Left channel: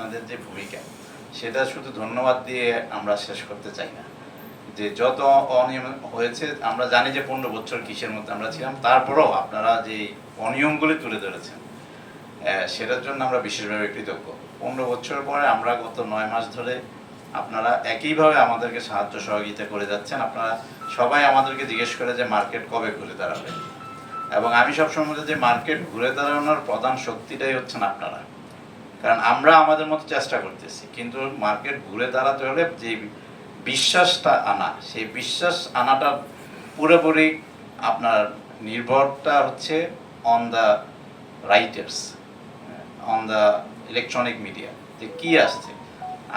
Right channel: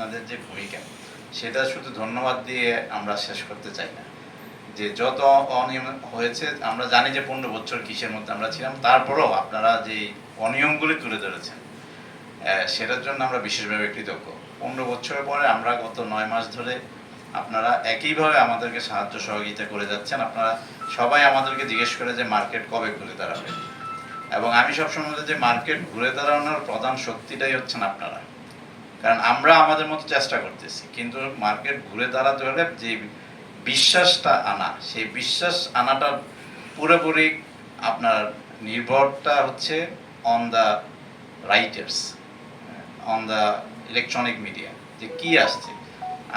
আপনাদের যে ভূমিকা সেটা শুধু ধন্যবাদ দিয়ে আমরা শেষ করতে চাই না। যে যত অনিয়ম হয়েছে আমরা জানি যে 15 বছর কিসের মধ্যে আমরা ছিলাম, তারপরেও আপনারা যে অনিয়মগুলি তুলে ধরেছেন সেটার জন্য আমরা বিশেষভাবে কৃতজ্ঞ। 15 বছরের পরে আমরা গত 9 মাস ধরে আপনারা একইভাবে আমাদেরকে সাহায্য সহযোগিতা করে যাচ্ছেন। আপনারা সবাই আমাদেরকে জিজ্ঞেস করে যে মার্কেট কবে ঘুরে দাঁড়াবে, এবং আমি সবসময় বলি যে মার্কেট ঘুরে দাঁড়ানোর প্রধান শক্তিটাই হচ্ছেন আপনারা। কারণ আমরা আমাদের মতো চেষ্টা করতেছি, কিন্তু মার্কেট ঘুরে দাঁড়াতে হলে যে বিশ্বাসটা আনা, সেই বিশ্বাস আনাটা পুরোপুরি আপনার নির্ভরটা হচ্ছে on the writers, on the electronic media, যে কী আসছে।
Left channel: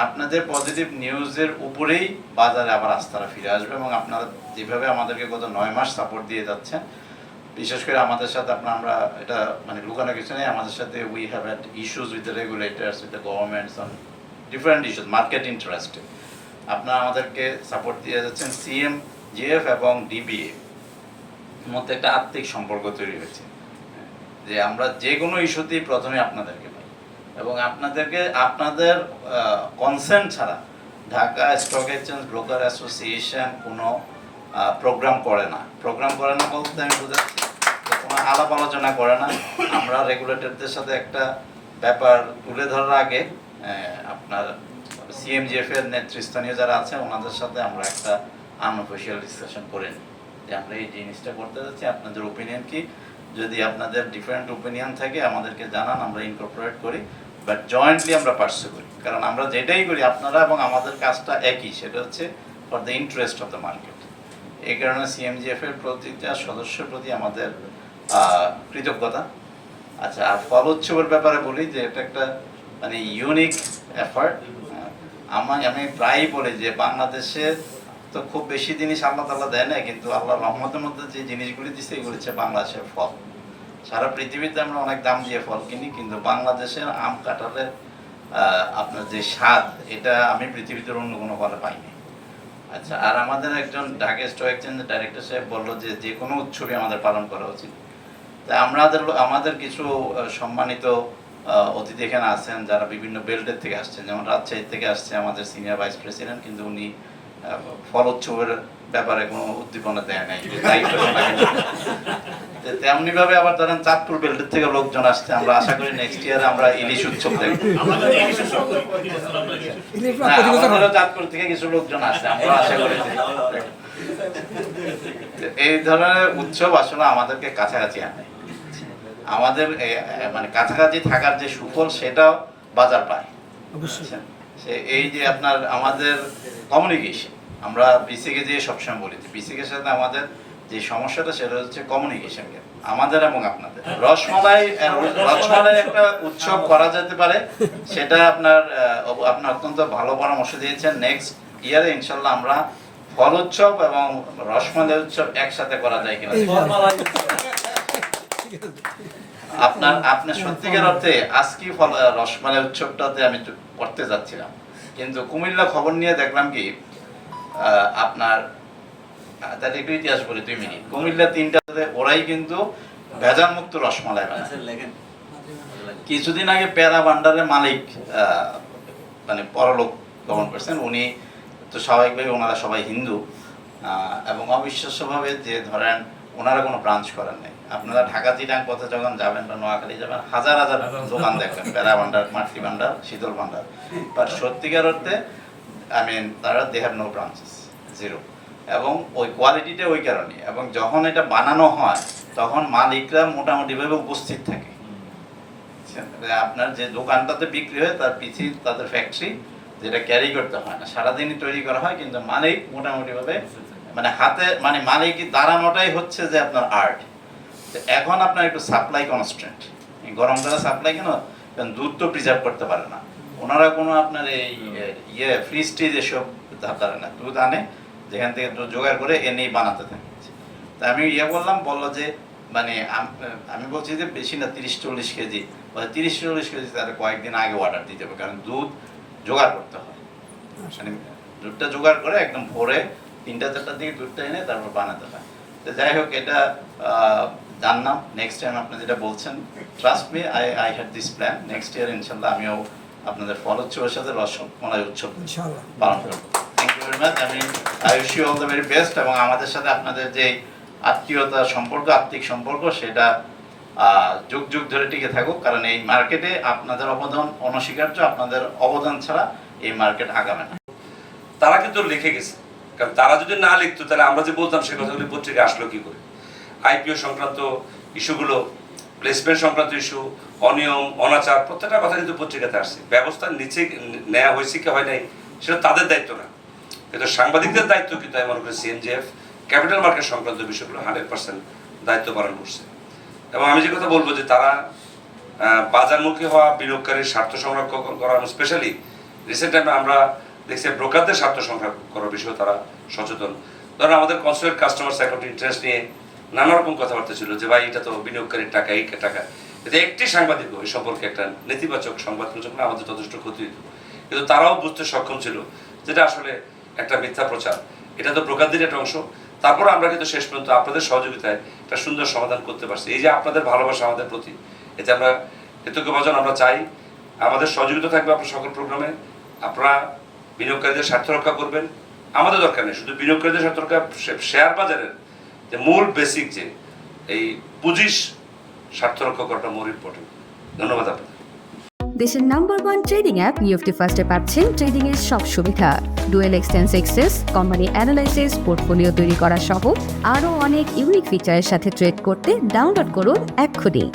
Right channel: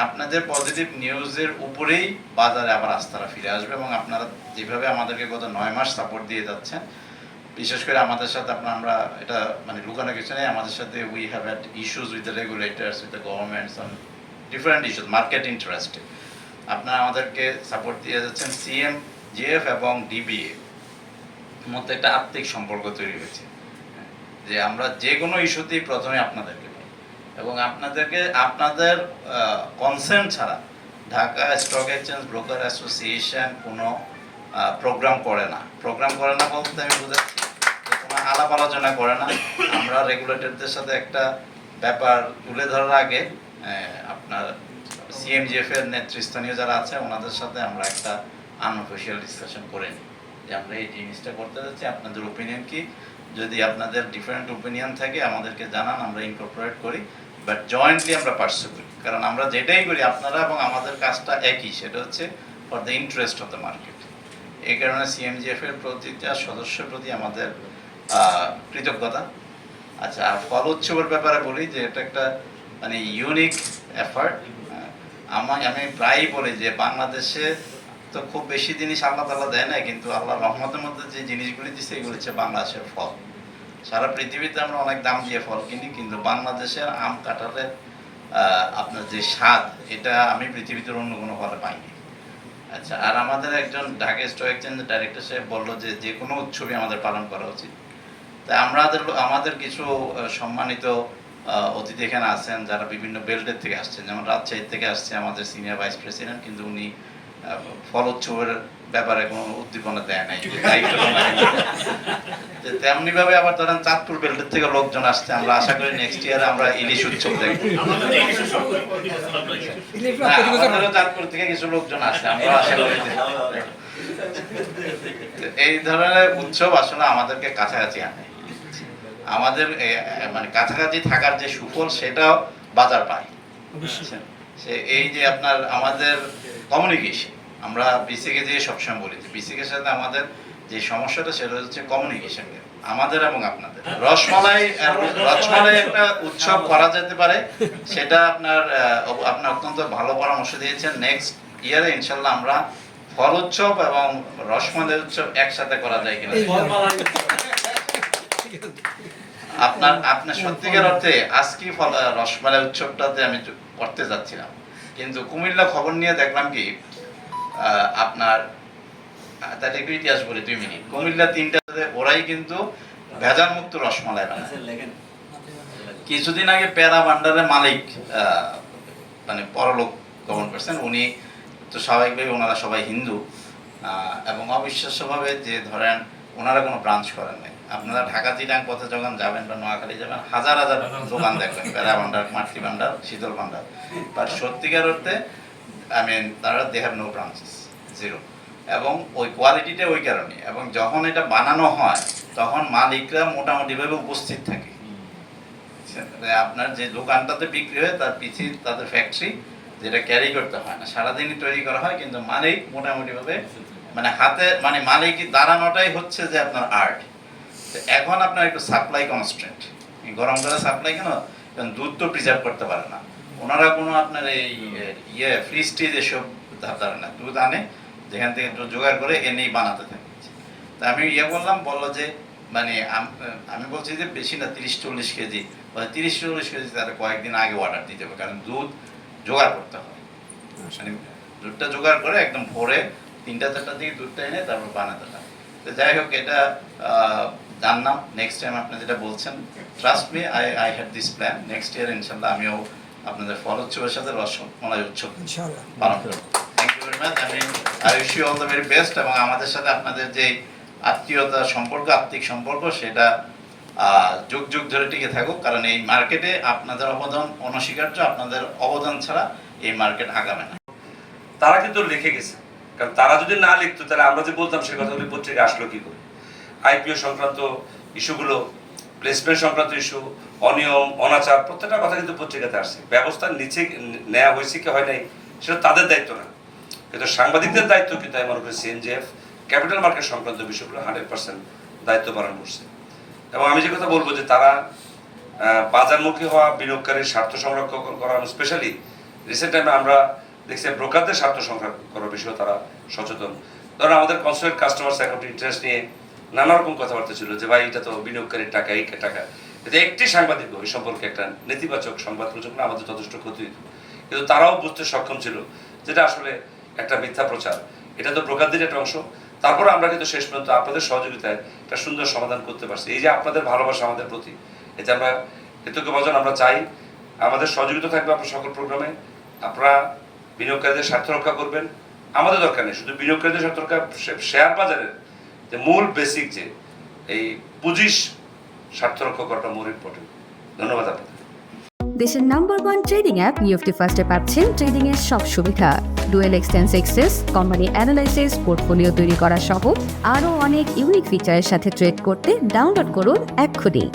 আপনাদের পজিটিভ নিউজের উপরেই বাজারে আবার আস্থারা ফিরে আসবে, এবং আপনারা যেভাবে আমাদেরকে গত 9 মাস সাপোর্ট দিয়ে যাচ্ছেন, বিশেষ করে আমাদের সাথে আমরা এটা মানে লুকানো কিছু নেই, আমাদের সাথে we have had issues with the regulators, with the governments on different issues, market ইন্টারেস্টে আপনারা আমাদেরকে সাপোর্ট দিয়ে যাচ্ছেন। সিএমজিএফ এবং ডিবিএ মধ্যে একটা আত্মিক সম্পর্ক তৈরি হয়েছে, যে আমরা যে কোনো ইস্যুতেই প্রথমে আপনাদেরকে পাই, এবং আপনাদের কনসেন্ট ছাড়া Dhaka stock exchange broker association কোনো প্রোগ্রাম করে না। বলতে আমি বুঝাচ্ছি কোনো আলাপ আলোচনা করে না। আমরা রেগুলেটরদের সাথে একটা ব্যাপার তুলে ধরার আগে আপনার সিএমজিএফ এর নেতৃস্থানীয় যারা আছে ওনাদের সাথে আমরা একটা আনঅফিশিয়াল ডিসকাশন করে নিই যে আমরা এই জিনিসটা করতে যাচ্ছি, আপনাদের ওপিনিয়ন কি। যদি আপনাদের ডিফারেন্ট ওপিনিয়ন থাকে আমাদেরকে জানান, আমরা ইনকর্পোরেট করি, বাট জয়েন্টলি আমরা পার্সু করি। কারণ আমরা যেটাই করি আপনারা এবং আমাদের কাজটা একই, সেটা হচ্ছে for the interest of the market. এই কারণে সিএমজিএফ এর প্রতিটা সদস্যের প্রতি আমাদের কৃতজ্ঞতা। আচ্ছা, আর ফল উৎসবের ব্যাপারে বলি যে এটা একটা মানে ইউনিক এফার্ট। আমি প্রায়ই বলি যে বাংলাদেশে তো খুব বেশি জিনিস আল্লাহ তাআলা দেয় না, কিন্তু আল্লাহ রহমতের মধ্যে যে জিনিসগুলি দিচ্ছে এগুলি হচ্ছে বাংলাদেশের ফল। সারা পৃথিবীতে আমরা অনেক দাম দিয়ে ফল কিনি, কিন্তু বাংলাদেশের আম কাঁঠালের আপনার যে স্বাদ, এটা আমি পৃথিবীতে অন্য কোনো ফলে পাইনি। আচ্ছা, আর আমাদের একজন ঢাকা স্টক এক্সচেঞ্জের ডাইরেক্টর সাহেব বললো যে যে কোনো উৎসবই আমাদের পালন করা উচিত। তাই আমাদের কিছু সম্মানিত অতিথি এখানে আছেন যারা বিভিন্ন বেল্টের থেকে আসছেন, যেমন রাজশাহী থেকে আসছে আমাদের সিনিয়র ভাইস প্রেসিডেন্ট, কিন্তু উনি ফল উৎসবের ব্যাপারে কোনো উদ্দীপনা দেয় নাই, তেমনি ভাবে আবার ধরেন চাঁদপুর বেল্টের থেকে লোকজন আসছে। আমরা আশা করি নেক্সট ইয়ার আমরা ইলিশ উৎসব দেখবো। চাঁদপুর থেকে কিছু লোকজন আসছে, আমরা আশা করি এই ধরনের উৎসব আসলে আমাদেরকে কাছাকাছি আনে। আমাদের মানে কাছাকাছি থাকার যে সুফল সেটাও বাজার পায়। এই যে আপনার আমাদের কমিউনিকেশন, আমরা বিসিকে যে সবসময় বলি যে বিসিকের সাথে আমাদের যে সমস্যাটা সেটা হচ্ছে কমিউনিকেশন, আমাদের এবং আপনাদের। রসমালাই একটা উৎসব করা যেতে পারে, সেটা আপনার অত্যন্ত ভালো পরামর্শ দিয়েছেন। নেক্সট ইয়ারে ইনশাল্লাহ আমরা ফল উৎসব এবং রসমালাই উৎসব একসাথে করা যায় কিনা। আপনার সত্যিকার অর্থে আজকে রসমালাই উৎসবটাতে আমি করতে যাচ্ছিলাম, কিন্তু কুমিল্লা খবর নিয়ে দেখলাম কি আপনার তাদের একটু ইতিহাস বলি 2 মিনিট। কুমিল্লা 3টাতে ওরাই কিন্তু ভেজাল মুক্ত রসমালাই বানায়। কিছুদিন আগে পেরা ভান্ডারের মালিক মানে পরলোক গমন করছেন, উনি তো স্বাভাবিকভাবে ওনারা সবাই হিন্দু, এবং অবিশ্বাস্যভাবে যে ধরেন ওনারা কোনো ব্রাঞ্চ করেন নাই। আপনারা ঢাকা চিটাং পথে যখন যাবেন বা নোয়াখালী যাবেন, হাজার হাজার দোকান দেখবেন, পেরা ভান্ডার, মাতৃ ভান্ডার, শীতল ভান্ডার, বাট সত্যিকার অর্থে তারা they have no branches, zero. এবং ওই কোয়ালিটিটা ওই কারণে, এবং যখন এটা বানানো হয় তখন মালিকরা মোটামুটিভাবে উপস্থিত থাকে। আপনার যে দোকানটাতে বিক্রি হয় তার পিছিয়ে তাদের ফ্যাক্টরি, যেটা ক্যারি করতে হয় না, সারাদিনই তৈরি করা হয়, কিন্তু মালিক মোটামুটিভাবে মানে হাতে মানে মালিক দাঁড়ানোটাই হচ্ছে যে আপনার আর্ট। এখন আপনার একটু সাপ্লাই কনস্ট্যান্ট, গরম করে সাপ্লাই কেন, কারণ দুধ তো প্রিজার্ভ করতে পারে না ওনারা, কোনো আপনার এই ফ্রিজ ট্রিজ এসব ধারে না, দুধ আনে যেখান থেকে জোগাড় করে এনেই বানাতে থাকে। তা আমি বললো যে মানে আমি বলছি যে বেশি না 30-40 কেজি, 30-40 কেজি তাদের কয়েকদিন আগে অর্ডার দিতে হবে, কারণ দুধ জোগাড় করতে হয়, মানে দুধটা জোগাড় করে একদম ভোরে 3টা-4টার দিকে দুধটা এনে তারপর বানাতে হয়। তো যাই হোক, এটা জানলাম। নেক্সট টাইম আপনি যেটা বলছেন, trust me, I had this plan. Next year ইনশাল্লাহ আমিও আপনাদের ফল উৎসবের সাথে রসমলাই উৎসব ইনশাআল্লাহ। পালন করবো। Thank you very much. I wish you all the very best. এবং আমাদের সাথে আপনাদের যে আত্মীয়তা সম্পর্ক, আত্মিক সম্পর্ক, সেটা যুগ যুগ ধরে টিকে থাকুক, কারণ এই মার্কেটে আপনাদের অবদান অনস্বীকার্য। আপনাদের অবদান ছাড়া এই মার্কেট আগাবে না। তারা কিন্তু লিখে গেছে, কারণ তারা যদি না লিখতো তাহলে আমরা যে বলতাম সে কথাগুলি পত্রিকা আসলো কি করে। আইপিও সংক্রান্ত ইস্যুগুলো, প্লেসমেন্ট সংক্রান্ত ইস্যু, অনিয়ম অনাচার, প্রত্যেকটা কথা কিন্তু পত্রিকাতে আসছে। ব্যবস্থা নিচে নেওয়া হয়েছে কি হয় নাই সেটা তাদের দায়িত্ব না, কিন্তু সাংবাদিকদের দায়িত্ব কিন্তু আমি মনে করি সিএনজিএফ ক্যাপিটাল মার্কেট সংক্রান্ত বিষয়গুলো 100% দায়িত্ব পালন করছে। এবং আমি যে কথা বলবো যে তারা বাজারমুখী হওয়া বিনিয়োগকারীর স্বার্থ সংরক্ষণ করা, স্পেশালি রিসেন্ট টাইমে আমরা দেখছি ব্রোকারদের স্বার্থ সংরক্ষণ করার বিষয়ে তারা সচেতন। ধরেন আমাদের কনসুলেট কাস্টমার্স অ্যাকাউন্ট ইন্টারেস্ট নিয়ে নানা রকম কথাবার্তা ছিল যে ভাই এটা তো বিনিয়োগকারীর টাকা, এই টাকা। কিন্তু একটি সাংবাদিকও এই সম্পর্কে একটা নেতিবাচক সংবাদ প্রচার করে আমাদের যথেষ্ট ক্ষতি হইত, কিন্তু তারাও বুঝতে সক্ষম ছিল যেটা আসলে একটা মিথ্যা প্রচার, এটা তো ব্রোকারদের একটা অংশ। তারপরে আমরা কিন্তু শেষ পর্যন্ত আপনাদের সহযোগিতায় একটা সুন্দর সমাধান করতে পারছি। এই যে আপনাদের ভালোবাসা আমাদের প্রতি, এতে আমরা কৃতজ্ঞভাজন। আমরা চাই আমাদের সহযোগিতা থাকবে আপনার সকল প্রোগ্রামে। আপনারা বিনিয়োগকারীদের স্বার্থ রক্ষা করবেন, আমাদের দরকার নেই শুধু বিনিয়োগকারীদের স্বার্থ রক্ষা, শেয়ার বাজারের যে মূল বেসিক যে এই পুঁজির স্বার্থ রক্ষা করাটা মোর ইম্পর্টেন্ট। ধন্যবাদ আপনাদের। দেশের নাম্বার 1 ট্রেডিং অ্যাপ নিফটি ফার্স্টে পাচ্ছেন ট্রেডিং এর সব সুবিধা, dual এক্সটেন্স access, company analysis, portfolio তৈরি করা সহ আরও অনেক ইউনিক ফিচারের সাথে ট্রেড করতে ডাউনলোড করুন এক্ষুনি।